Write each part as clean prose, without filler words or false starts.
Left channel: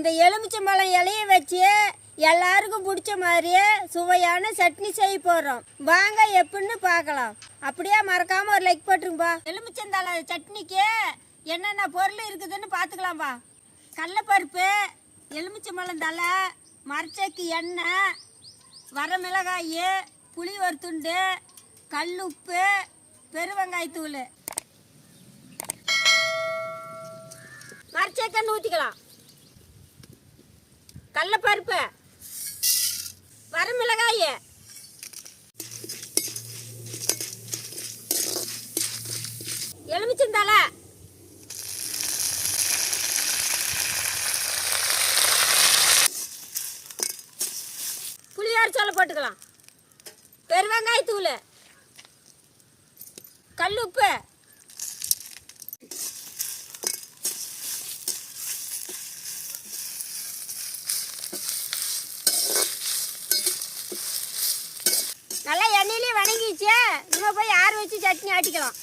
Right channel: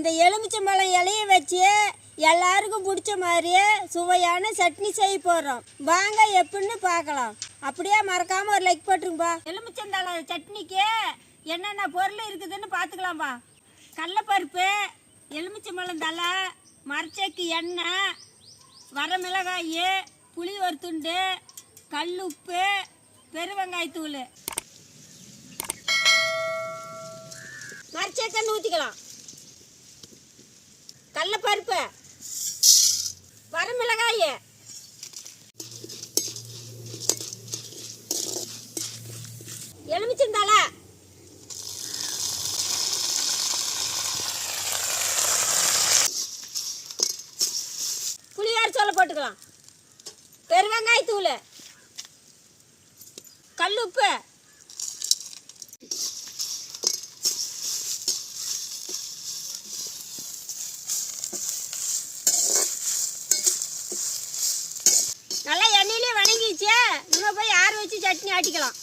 இந்த எலுமிச்சம்பழம் இலையை வச்சு எல்லாருக்கும் பிடிச்ச மாதிரியே சுவையான சட்னி செய்ய போகிறோம். வாங்க எப்படின்னு பார்க்கலாம். அப்படியே மறக்காமல் ஒரு லைக் போட்டுருங்கப்பா. எலுமிச்சந்தழை சட்னிக்கு என்னென்ன பொருள் இருக்குதுன்னு பார்த்துக்கலாம்ப்பா. கடலைப்பருப்பு, எலுமிச்சம்பழம் தழை, மரச்செக்கு எண்ணெய், வரமிளகாய், புளி ஒரு துண்டு, கல் உப்பு, பெருவெங்காயத்தூள். மரச்செக்கன்னு ஊற்றிக்கலாம். கடலைப்பருப்பு, வரமிளகாய், எலுமிச்சந்தழை, புளியோர சொல்ல போட்டுக்கலாம். பெருவெங்காயத்தூள், கல் உப்பு, நல்லா எண்ணெயிலே வணங்கிச்சு. நம்ம போய் ஆற வச்சு சட்னி ஆட்டிக்கலாம்.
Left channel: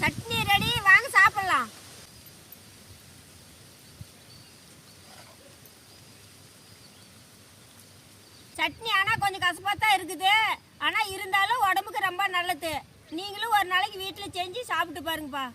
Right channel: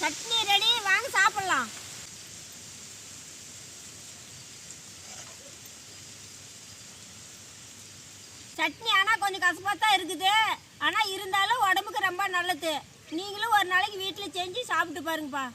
சட்னி ரெடி, வாங்க சாப்பிடலாம். சட்னி ஆனால் கொஞ்சம் கசப்பாக தான் இருக்குது. ஆனால் இருந்தாலும் உடம்புக்கு ரொம்ப நல்லது. நீங்களும் ஒரு நாளைக்கு வீட்டில் செஞ்சு சாப்பிட்டு பாருங்கப்பா.